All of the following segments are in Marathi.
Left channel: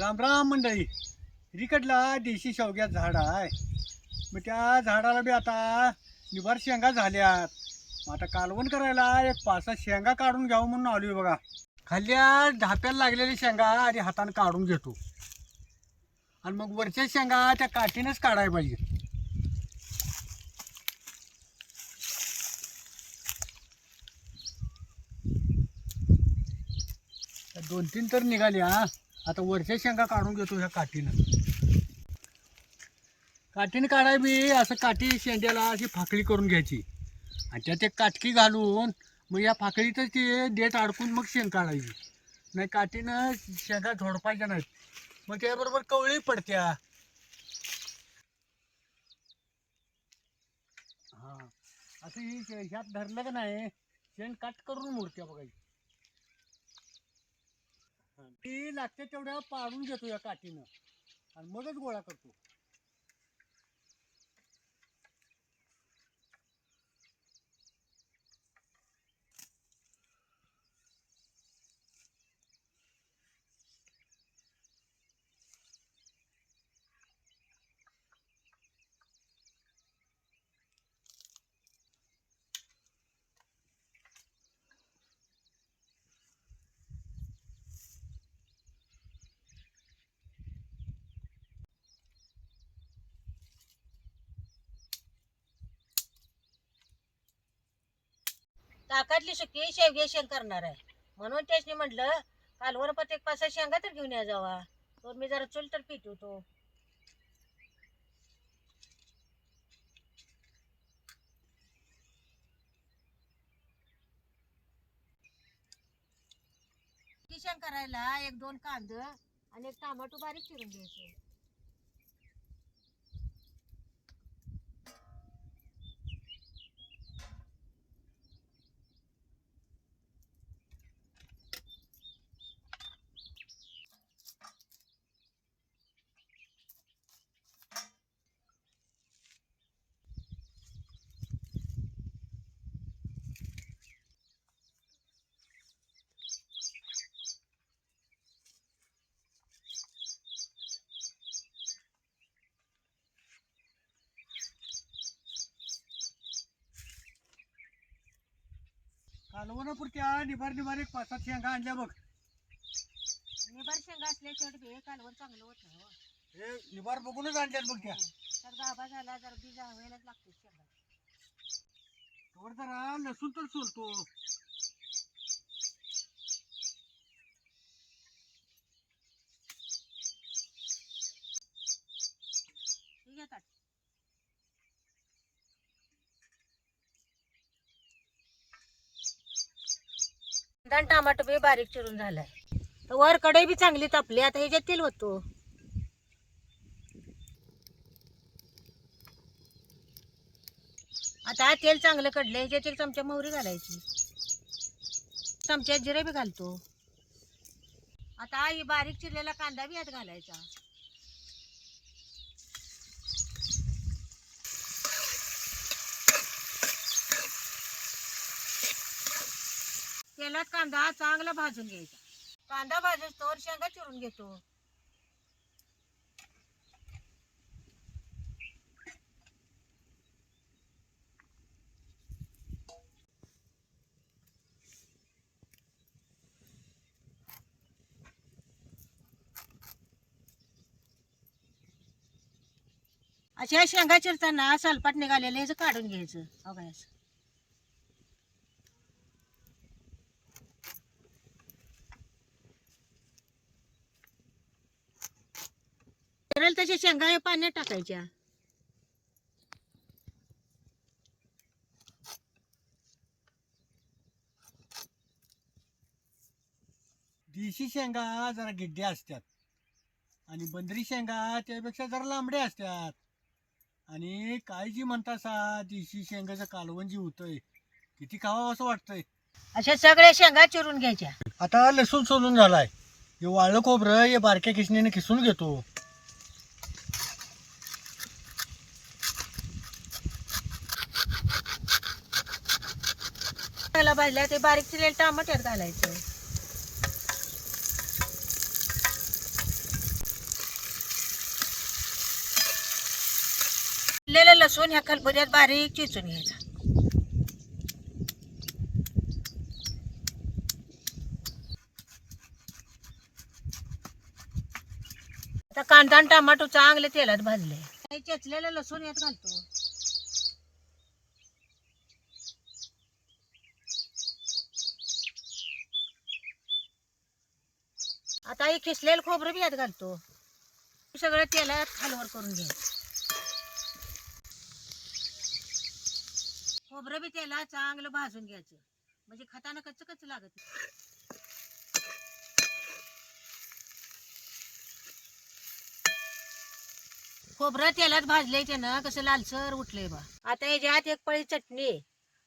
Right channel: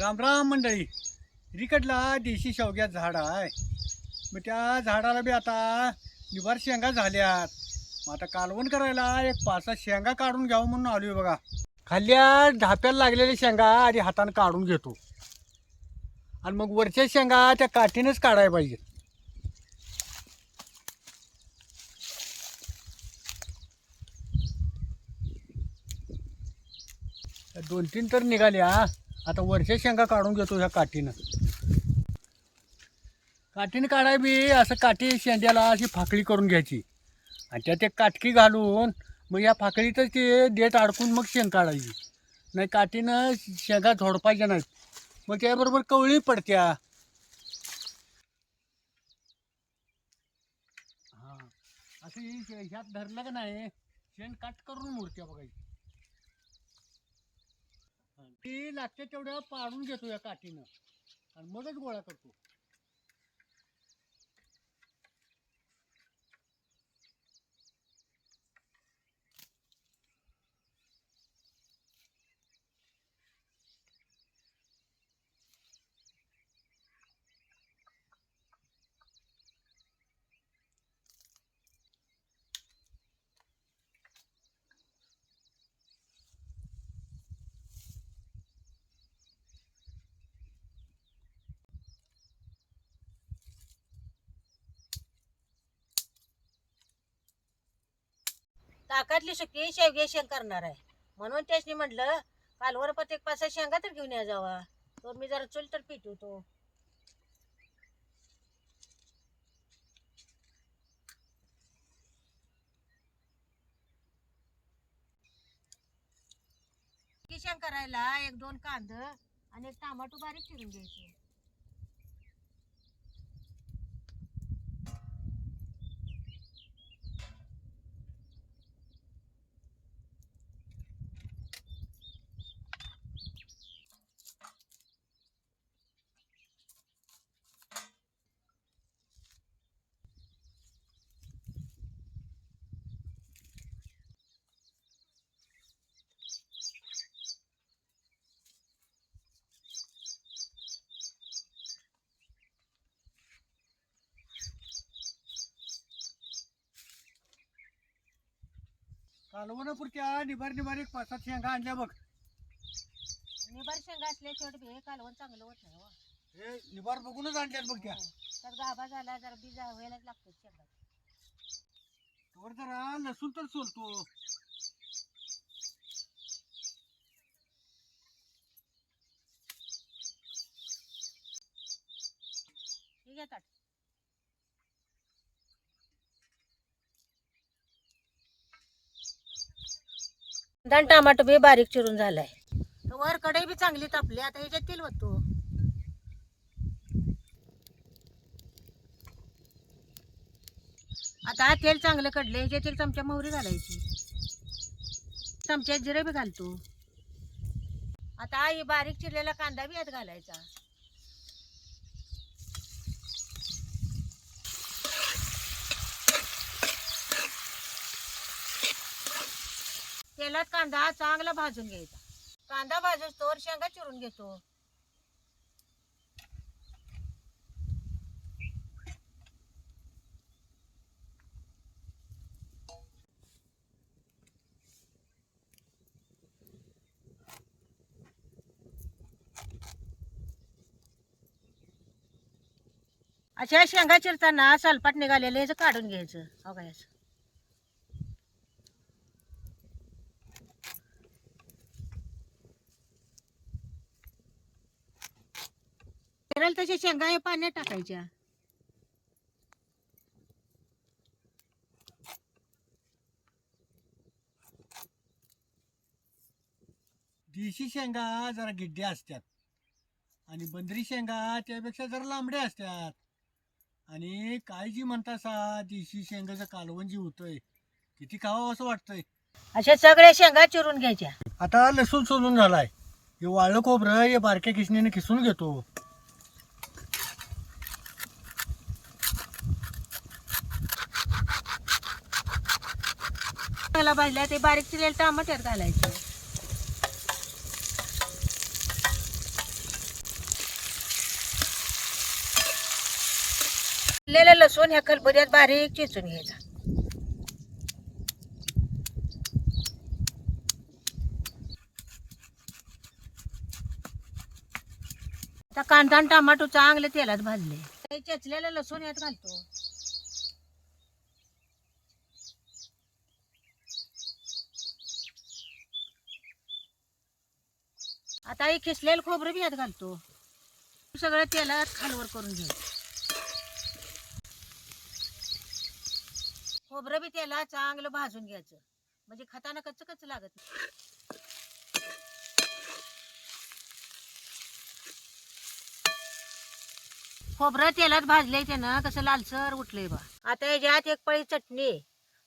राम राम मंडळी. रिकडला देशी शेवग्यात झाड आहे. मग त्या झाडाला बी आता निभार शेंगा झाल्यात. मग आता कालवण करायला एक 5-6 शेंगा काढून घ्यावं म्हणून आलोय बघा. खाल्ल्या धाप्याला लागलेल्या शेंगा आधी हाताने काढून घेतो आणि मग वरच्या शेंगा त्या काठीनेच काढायला पाहिजे. त्या 2-3 तर निघाल्या. आता वरच्या शेंगा काढून घेतो ह्या काठीनं. काठीने काढाय बी असं काठी शेंड्याला अशी फाकळी करून घ्यायची आणि त्यात एक काटकी घालून मग या फाकळीतच ते देठ अडकून मग शेंग काढायची. नाही काठीनं शेंगा झोडपायच्या नाहीत, मग त्याबरोबर कवळी पडत्या. हां, असं ह्यात धरलं का नाही शेंग काट करून मोडत्या बघायची. ती लागते तेवढ्या पाडून घेतो या काठीनं आणि मगच गोळा करतो. ताकातली सुकी शेवगे शेंग करणार आहे म्हणून त्याने म्हटलं कालवर पण एक 5-6 शेंगा तर घेऊन या जावा. तर मी जरा चुल तर पिटवतो. की शेंग करायला 1-2 कांद आणि एक टमाटो बारीक चिरून घ्यायचे. कालवणापुरत्या निभार निभार एक 5-7 शेंगा आणल्या बघ. निबार शेंगा असल्याशिवाय बी कालवण चांगलं होत नाही हो. हे निभार बघूनच आणल्यात बघ त्या. तर गाभा झाला जरा बी व्हायलाच लागतो शेंगा. वर जरा लसूण तर सोलतो. ठीक आहे ताट. धन टमाटो बी बारीक चिरून झालाय. वर कढई बी चांगली तापली. आता ह्याच्यात तेल होतो. आता तेल चांगलं कडलं. ह्याच्यात 1 चमचा मोहरी घालायची. चमच्यात जिरे बी घालतो. आता ही बारीक चिरलेला कांदा बी यात घालायचा. तेलात कांदा चांगला भाजून घ्यायचा. कांदा भाजून तोवर शेंगा चिरून घेतो. अशा शेंगा चिरताना सलपाट निघालेलं ह्याचं काढून घ्यायचं. हो काय चिरेल तशा शेंगा हे पाण्यात टाकायच्या. देशी शेंगा जरा गिड्ड्या असतात आणि बंदरी शेंगा त्यापेक्षा जरा लांबड्या असतात. आणि काय जी म्हणता सा देशी शेंगाचं कालवण जी होतंय किती खावं असं वाटतंय. अशा सगळ्या शेंगा चिरून घ्यायच्या. आता लसूण सोलून झालाय. हे वाळलं खोबरं हे बारक्या किसणीने किसून घेतो. त्याला भाजल्या ते बारीक चिरलेलं टमाटर घालायचं. चिरलेलं लसूण ह्या खलबत्त्यात बारीक चिचून घ्यायचा. आता कांदा आणि टमाटो चांगले तेलात भाजले. चेचलेलं लसूण यात घालतो. आता हे खिसलेलं खोबरं बी यात घालतो. सगळं तेलात खालवर करून घ्यायचं. खोबरं बी तेलात चांगलं भाजून घ्यायचं म्हणजे खाताना कच्च कच्च लागत नाही. खोबरं तेलात भाजले ते ना कसं लालसर उठलंय बा. आता याच्यात एक पळी चटणी,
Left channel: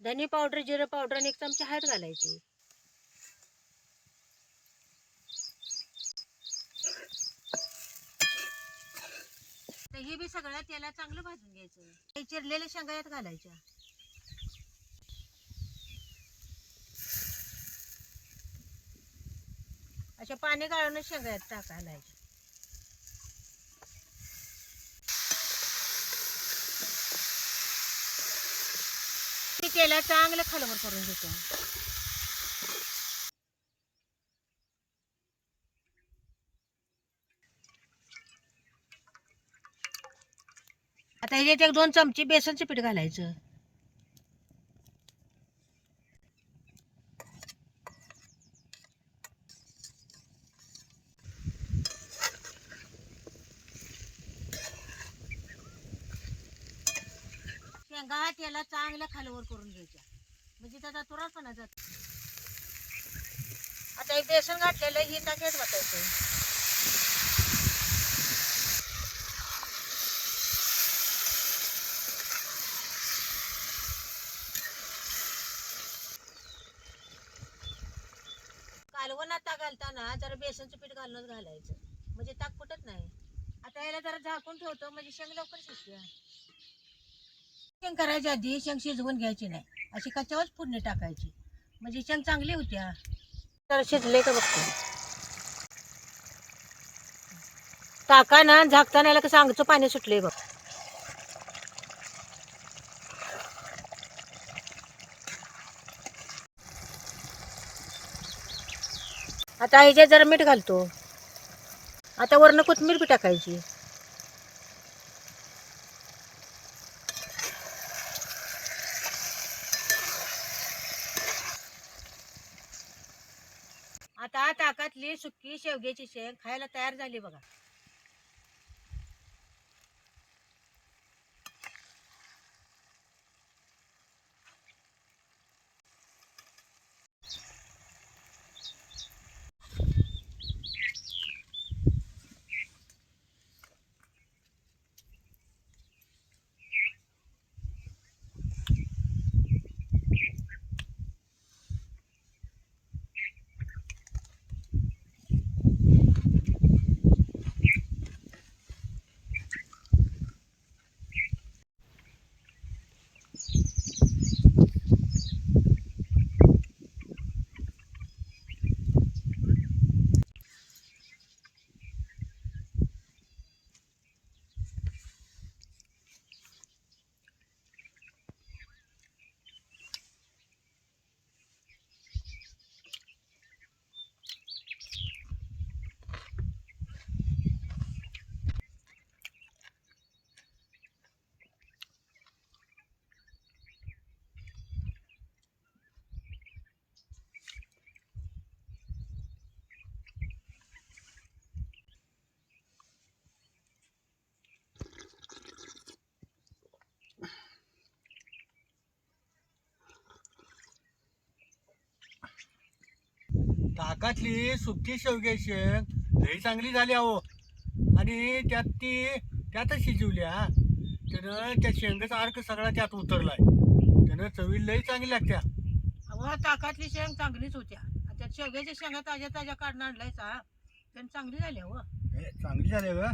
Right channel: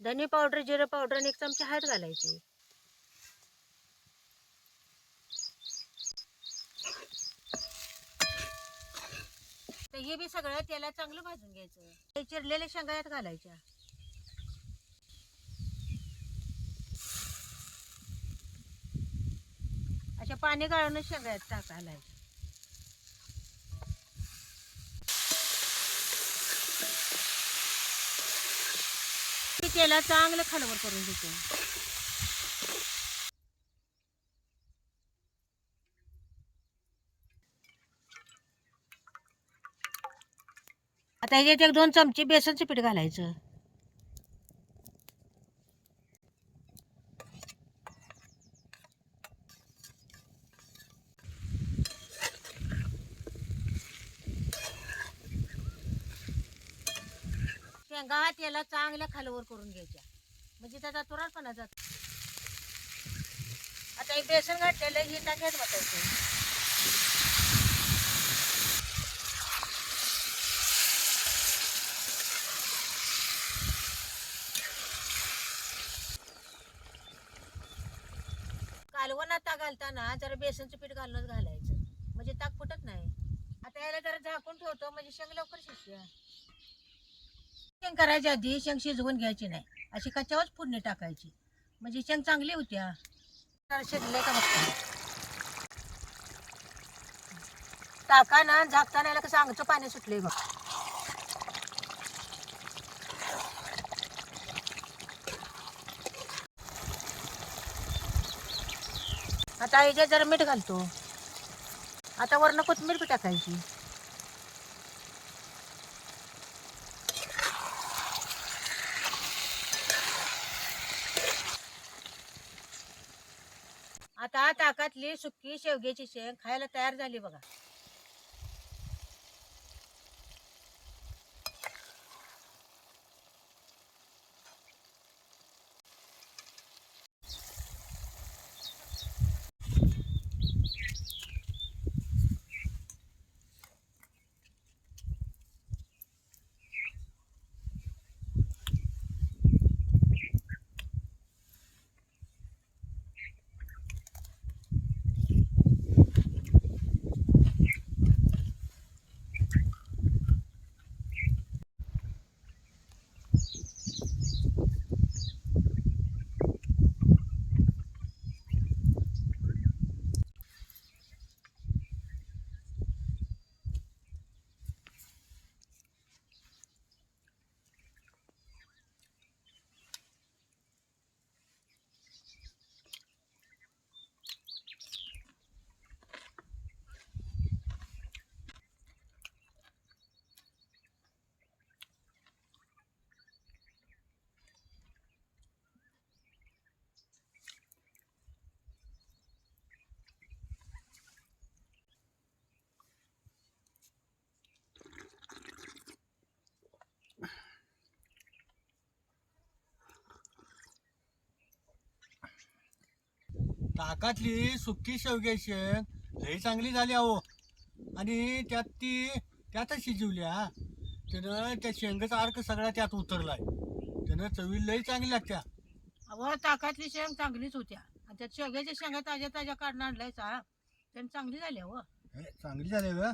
धनी पावडर, जिरं पावडर आणि 1 चमचा हळद घालायची. हे बी सगळं तेलात चांगलं भाजून घ्यायचं. ते चिरलेल्या शेंगा यात घालायच्या. अशा पाणी गाळून शेंगा यात टाकायला. तेलात चांगलं खालवर करून घेतो. आता ह्याच्यात 1-2 चमचे बेसनचं पीठ घालायचं. शेंगा तेलात चांगल्या खालवर करून घ्यायच्या म्हणजे त्याचा तुरटपणा जातो. आता हे बेसन घातलेलं हे टाक्यात वाटायचं. कालवणात ताक घालताना जरा बेसनचं पीठ घालूनच घालायचं म्हणजे ताक फुटत नाही. आता याला जरा झाकून ठेवतो म्हणजे शेंग लवकर शिजते. शेंग करायच्या आधी शेंग शिजवून घ्यायची नाही, अशी कच्च्यावरच फोडणी टाकायची म्हणजे शेंग चांगली होत्या. तर शिजले का बघतो. टाकाना झाकताना याला कसं अंगचं पाणी सुटले बघ. आता ह्याच्यात जरा मीठ घालतो. आता वरनं कोथिंबीर बी टाकायची. आता ताकातली सुकी शेवग्याची शेंग खायला तयार झाली बघा. ताकातली सुकी शेवग्याची शेंग लई चांगली झाली अहो. आणि त्यातच शिजवल्या त्यानं त्या शेंगाचा अर्क सगळा त्यात उतरलाय. त्यानं चवी लई चांगली लागत्या. अहो ताकातली शेंग चांगलीच होत्या. त्यात शेवग्याच्या शेंगा ताज्या ताज्या काढून आणलायचा त्यानं चांगली झाली. हो चांगली झाली ग.